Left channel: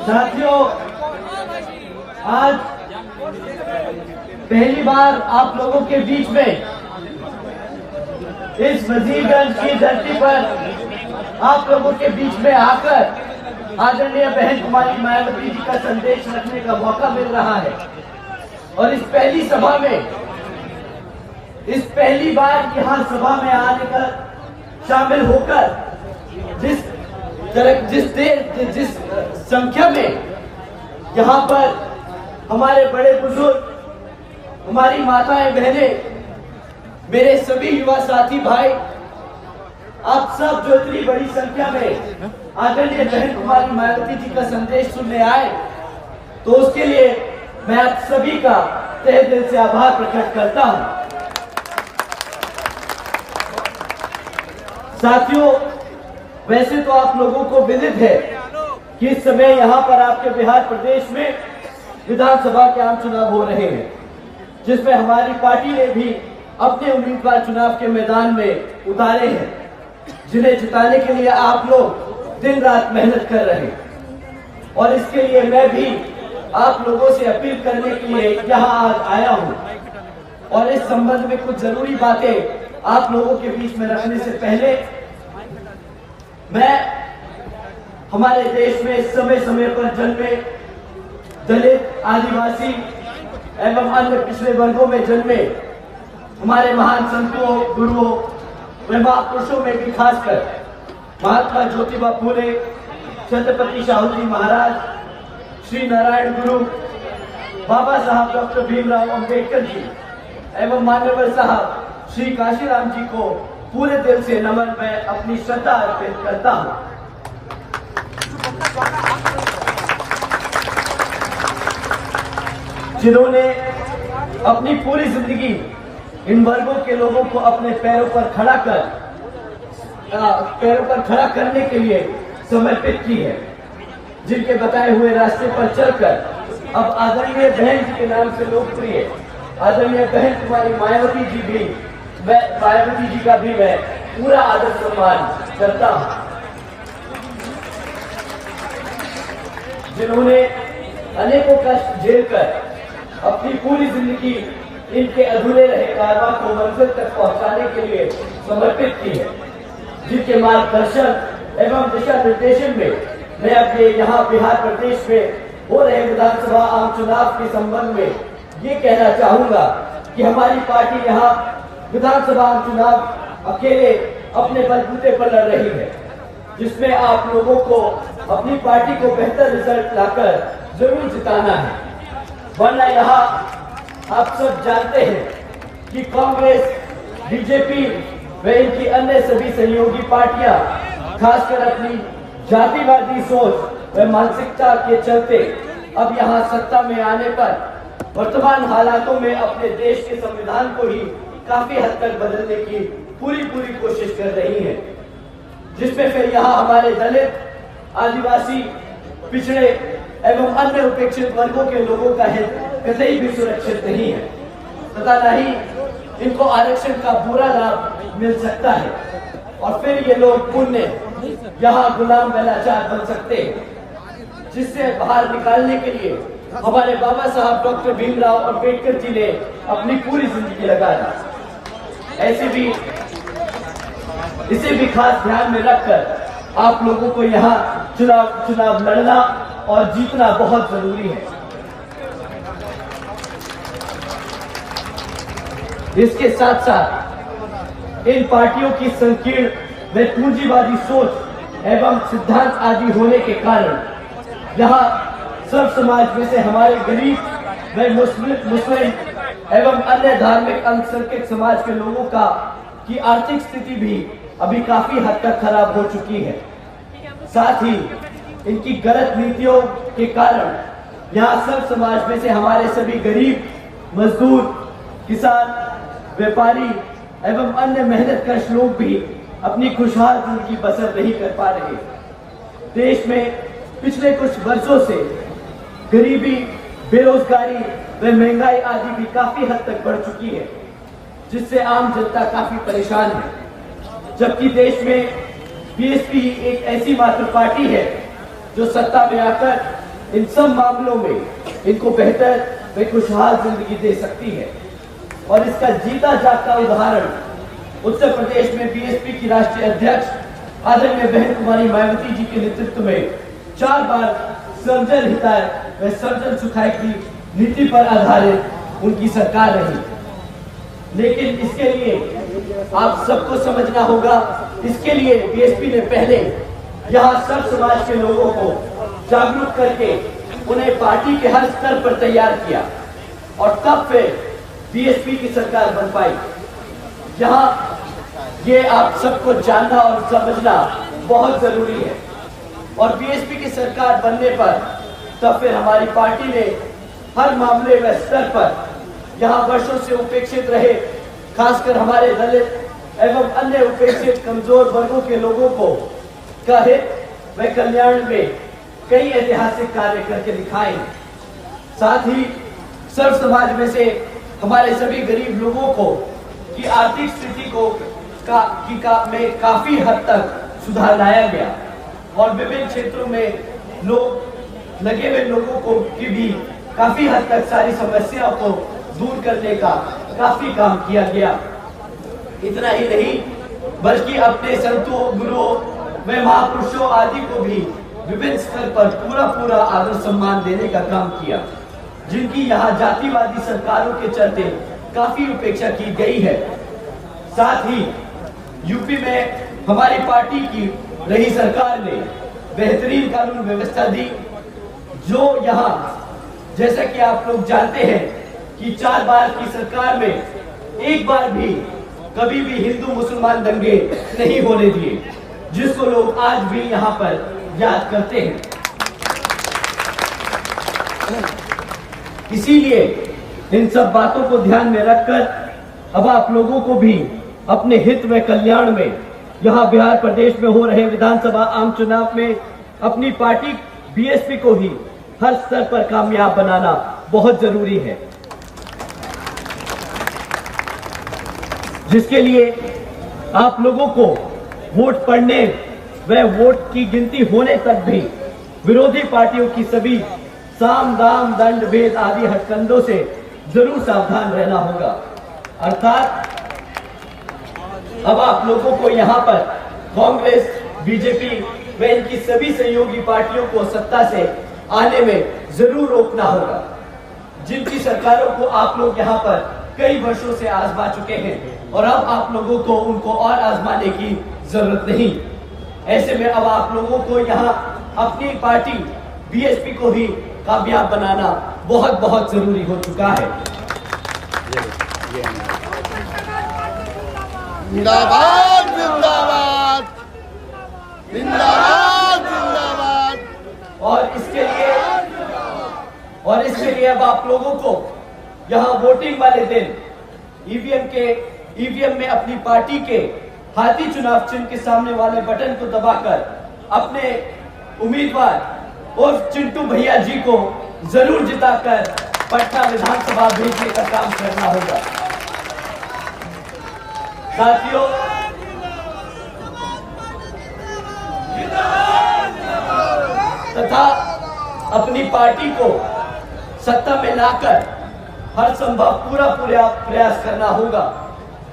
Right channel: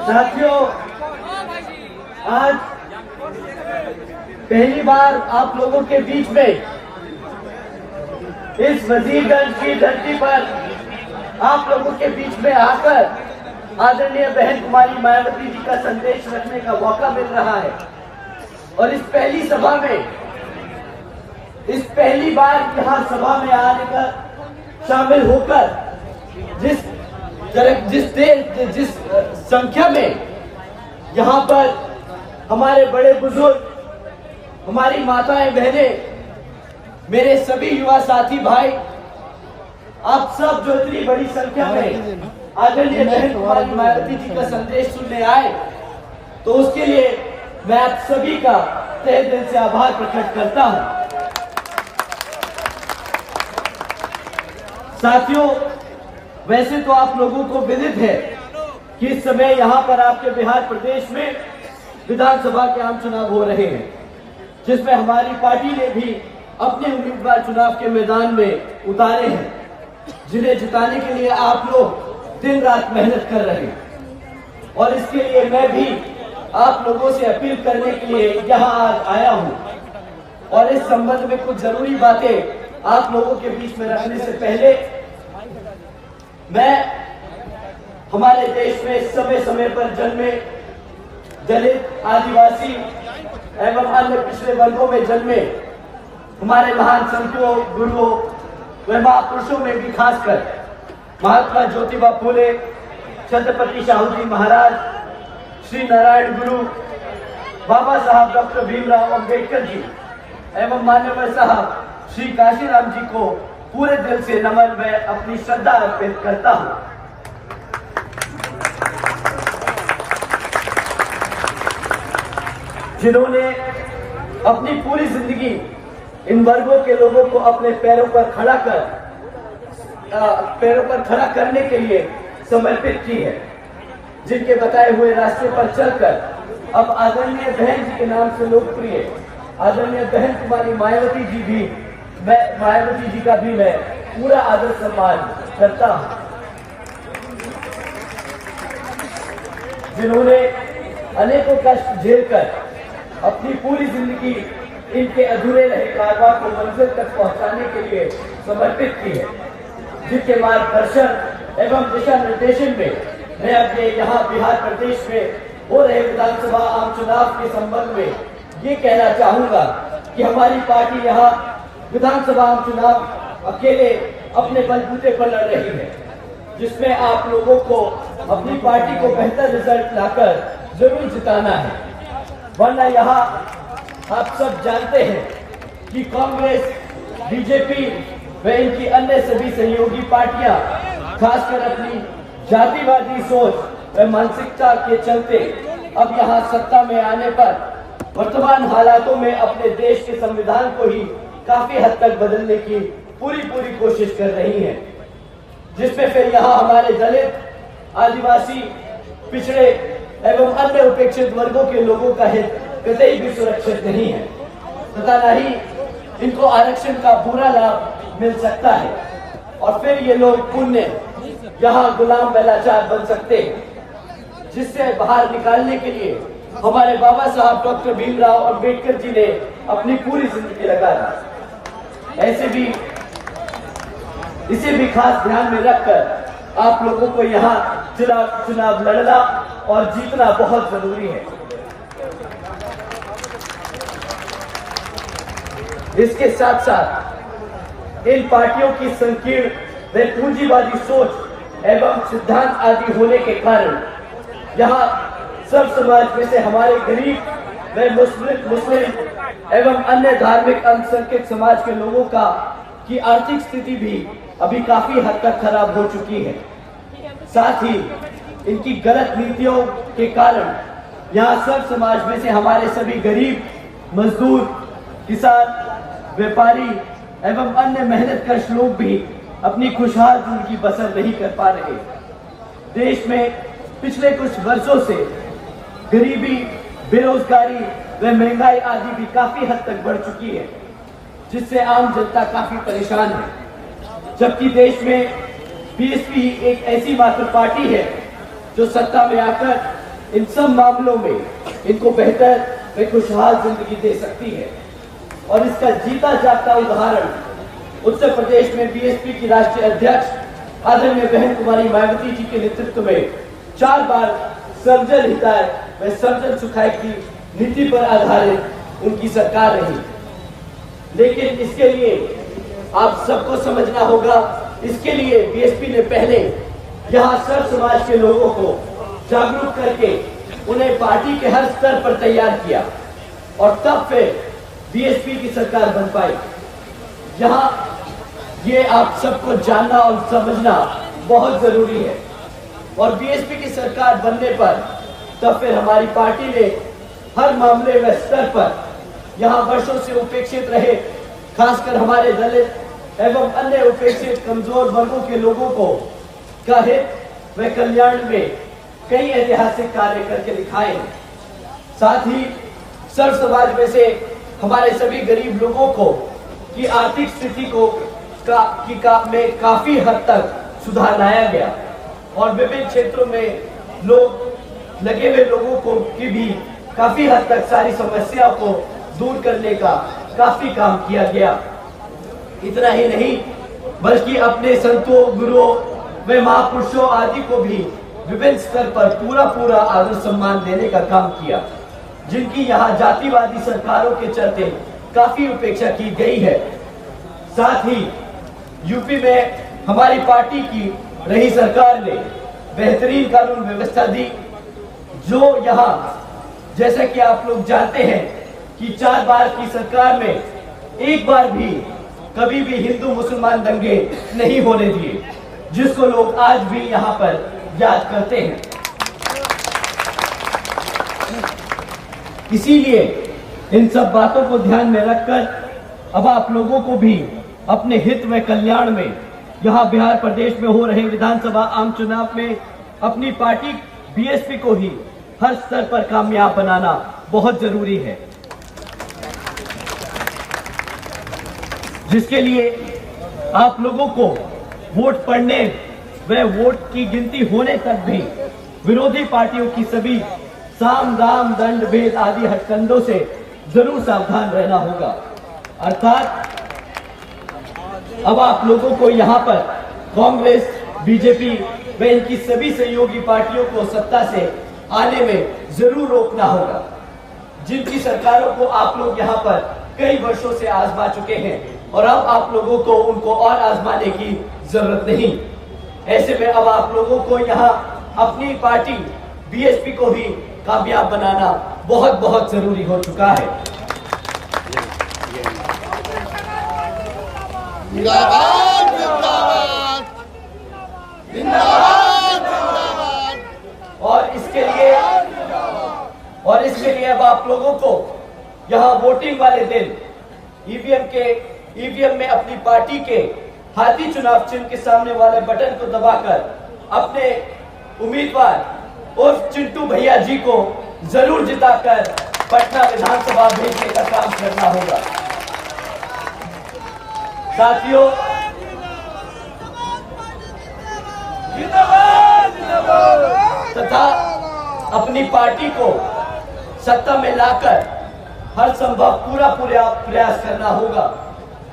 साथियों, आज पहली बार आप लोगों के बीच में इस वजीरगंज की धरती पर आप लोगों के बीच में आकर आदरणीय बहन कुमारी मायावती जी का संदेश रखने का मौका मिल रहा है। और इस पहली सभा में, इस पहली बार यहाँ सभा में आने का शामिल होकर जिस संख्या में यहाँ पर हमारे बड़े बुजुर्ग, हमारी माताएं बहनें, मेरे सभी युवा साथी भाई, आप सब जो इतनी बड़ी संख्या में आदरणीय बहन कुमारी मायावती जी का संदेश सुनने आए, तो उसके लिए मैं आप सभी का तहे दिल से आभार प्रकट करता हूं। साथियों, वैसे तो आप लोगों को विदित है कि इस समय यहाँ पर आपके बिहार प्रदेश में विधानसभा के आम चुनाव हो रहे हैं, जिसमें हमारी पार्टी ने भी अपने उम्मीदवार चुनाव के मैदान में उतारे हैं, जिन्हें जिताने के लिए आप लोग दिन रात मेहनत कर रहे हैं। और इसके लिए मैं भी आप लोगों से अपील करने के लिए यहाँ आज आया हूँ। और इस संबंध में कुछ जरूरी बातें आप लोगों के बीच में रखने से पहले मैं हमारे देश में समय समय पर जन्मे दलित, आदिवासी एवं अन्य पिछड़े वर्गों में जन्मे हमारे महान संतों, गुरुओं व महापुरुषों में भी खासकर महात्मा ज्योतिबा फूले, छत्रपति शाहू जी महाराज, श्री नारायण गुरु, बाबा साहब डॉक्टर भीमराव अंबेडकर जी एवं मान्यवर साहब श्री काशीराम जी को पूरे दिल से नमन मैं अपनी श्रद्धा अर्पित करता हूं। जिन्होंने अपनी पूरी जिंदगी इन वर्गों के लोगों को अपने पैरों पर खड़ा करने के लिए समर्पित की है, जिनके बताए हुए रास्ते पर चलकर अब आदरणीय बहन जी के नाम से लोकप्रिय आदरणीय बहन कुमारी मायावती जी का भी मैं पूरा आदर सम्मान करता हूं। जिन्होंने अनेकों कष्ट झेलकर अपनी पूरी जिंदगी इनके अधूरे रहे कारवां को मंजिल तक पहुंचाने के लिए समर्पित की है, जिनके मार्गदर्शन एवं दिशा निर्देशन में मैं अपने यहाँ बिहार प्रदेश में हो रहे विधानसभा आम चुनाव के संबंध में ये कहना चाहूंगा कि हमारी पार्टी यहाँ विधानसभा आम चुनाव अकेले अपने बलबूते पर लड़ रही है, जिसमें आप लोगों को अपनी पार्टी को बेहतर रिजल्ट लाकर जरूर जिताना है। वरना यहाँ आप सब जानते हैं कि कांग्रेस, बीजेपी व इनकी अन्य सभी सहयोगी पार्टियां खासकर अपनी जातिवादी सोच व मानसिकता के चलते अब यहाँ सत्ता में आने पर वर्तमान हालातों में अपने देश के संविधान को ही काफी हद तक बदलने की पूरी कोशिश कर रही हैं, जिसमें फिर यहाँ हमारे दलित, आदिवासी, पिछड़े एवं अन्य उपेक्षित वर्गों के लोगों का हित कतई भी सुरक्षित नहीं है तथा न ही इनको आरक्षण का पूरा लाभ मिल सकता है। और फिर ये लोग पुण्य यहाँ गुलाम व लाचार बन सकते हैं, जिससे बाहर निकालने के लिए हमारे बाबा साहब डॉक्टर भीमराव अंबेडकर जी ने अपनी पूरी जिंदगी लगा दी। इसे भी खास ध्यान में रखकर आप लोगों को यहाँ चुनाव लड़ना और जीतना बहुत जरूरी है। इसके साथ साथ इन पार्टियों की संकीर्ण व पूंजीवादी सोच एवं सिद्धांत आदि होने के कारण यहाँ सब समाज में से हमारे गरीब व मुस्लिम एवं अन्य धार्मिक अल्पसंख्यक समाज के लोगों की आर्थिक स्थिति भी अभी काफी हद तक खराब हो चुकी है। साथ ही इनकी गलत नीतियों के कारण यहाँ सब समाज में से हमारे सभी गरीब, मजदूर, किसान, व्यापारी एवं अन्य मेहनतकश लोग भी अपनी खुशहाल जिंदगी बसर नहीं कर पा रहे। देश में पिछले कुछ वर्षों से गरीबी, बेरोजगारी व महंगाई आदि भी काफी हद तक बढ़ चुकी है, जिससे आम जनता काफी परेशान है। जबकि देश में बीएसपी एक ऐसी मात्र पार्टी है जो सत्ता में आकर इन सब मामलों में इनको बेहतर व खुशहाल जिंदगी दे सकती है। और इसका जीता जागता उदाहरण उत्तर प्रदेश में बीएसपी की राष्ट्रीय अध्यक्ष आदरणीय बहन कुमारी मायावती जी के नेतृत्व में 4 बार सर्वजन हिताय व सर्वजन सुखाय की नीति पर आधारित उनकी सरकार रही। लेकिन इसके लिए आप सबको समझना होगा, इसके लिए बीएसपी ने पहले यहाँ सब समाज के लोगों को जागरूक करके उन्हें पार्टी के हर स्तर पर तैयार किया और तब फिर बीएसपी की सरकार बन पाई। यहाँ ये आप सबको जानना और समझना बहुत जरूरी है। और बीएसपी की सरकार बनने पर तब फिर हमारी पार्टी ने हर मामले व स्तर पर यहाँ वर्षों से उपेक्षित रहे, खासकर हमारे दलित एवं अन्य उपेक्षित कमजोर वर्गों के लोगों को का हित व कल्याण में कई ऐतिहासिक कार्य करके दिखाए। साथ ही सर्व समाज में से हमारे सभी गरीब लोगों को की आर्थिक स्थिति को में काफी हद तक सुधार लाया गया और विभिन्न क्षेत्रों में लोग लगे हुए लोगों को की भी काफी हद तक सारी समस्याओं को दूर करने का काफी काम किया गया। इतना ही नहीं बल्कि अपने संतों, गुरुओं व महापुरुषों आदि को भी विभिन्न स्तर पर पूरा आदर सम्मान देने का काम किया, जिनकी यहाँ जातिवादी सरकारों के चलते काफी उपेक्षा की गई है। साथ ही यूपी में हमारी पार्टी की रही सरकार ने बेहतरीन कानून व्यवस्था दी, जो यहाँ जैसा कि आप लोग जानते हैं कि 4 बार की सरकार में एक बार भी कभी भी हिंदू मुसलमान दंगे नहीं होने दिए, जिसको लोग आज भी यहाँ पर याद करते हैं। इसीलिए इन सब बातों को ध्यान में रखकर अब आप लोगों को भी अपने हित व कल्याण में यहाँ बिहार प्रदेश में हो रहे विधानसभा आम चुनाव में अपनी पार्टी बीएसपी को ही हर स्तर पर कामयाब बनाना बहुत जरूरी है, जिसके लिए आप लोगों को वोट पड़ने व वोट की गिनती होने तक भी विरोधी पार्टियों की सभी साम दाम दंड भेद आदि हथकंडों से जरूर सावधान रहना होगा। अर्थात अब आप लोगों को यहाँ पर कांग्रेस, बीजेपी व इनकी सभी सहयोगी पार्टियों को सत्ता से आने में जरूर रोकना होगा, जिनकी सरकारों को आप लोग यहाँ पर कई वर्षों से आजमा चुके हैं और अब आप लोगों को उनको और आजमाने की जरूरत नहीं। ऐसे में अब आप लोगों को यहाँ अपनी पार्टी बीएसपी को ही कामयाब बनाना बहुत जरूरी हो चुका है। जिंदाबाद जिंदाबाद जिंदाबाद जिंदाबाद। और इसके लिए अब आप लोगों को यहाँ वोटिंग वाले दिन ईवीएम में अपनी पार्टी के हाथी चुनाव चिन्ह के सामने वाले बटन को दबाकर अपने उम्मीदवार उर्फ चिंटू भैया जी को जरूर जिताकर पटना विधानसभा भेजने का काम करना होगा। साथियों, तथा अपनी पार्टी को सत्ता में लाकर हर संभव पूरा प्रयास करना होगा,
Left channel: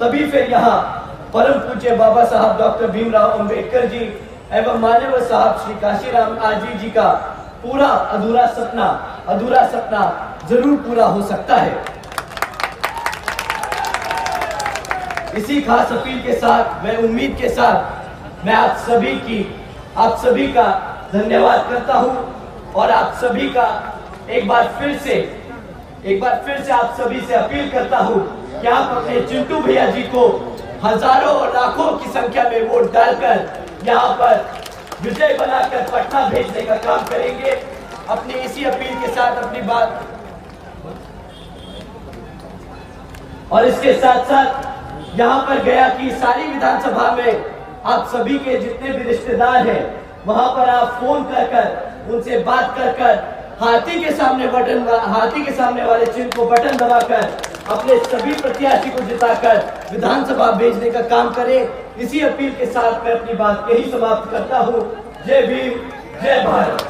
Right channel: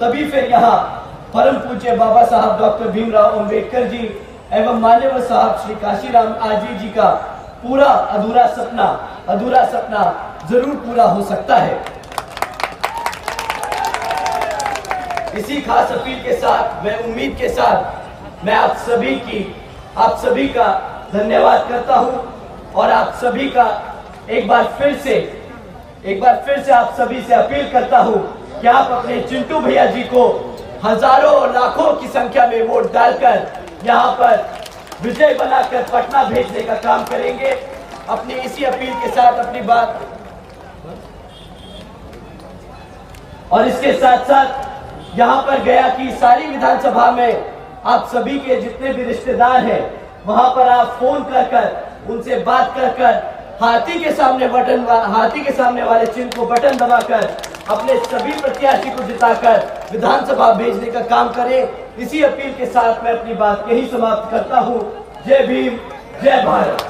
तभी फिर यहाँ परम पूज्य बाबा साहब डॉक्टर भीमराव अंबेडकर जी एवं मान्यवर साहब श्री काशीराम आजी जी का पूरा अधूरा सपना जरूर पूरा हो सकता है। इसी खास अपील के साथ, मैं उम्मीद के साथ मैं आप सभी का धन्यवाद करता हूं और आप सभी का एक बार फिर से आप सभी से अपील करता हूं कि आप अपने चिंटू भैया जी को हजारों और लाखों की संख्या में वोट डालकर यहाँ पर विजय बनाकर पटना भेजने का काम करेंगे। अपनी इसी अपील के साथ अपनी बात और इसके साथ साथ यहाँ पर गया कि सारी विधानसभा में आप सभी के जितने भी रिश्तेदार हैं वहां पर आप फोन कर उनसे बात कर हाथी के सामने वाले चिन्ह को बटन दबाकर अपने सभी प्रत्याशी को जिताकर विधानसभा भेजने का काम करें। इसी अपील के साथ मैं अपनी बात यही समाप्त करता हूं। जय भीम, जय भारत।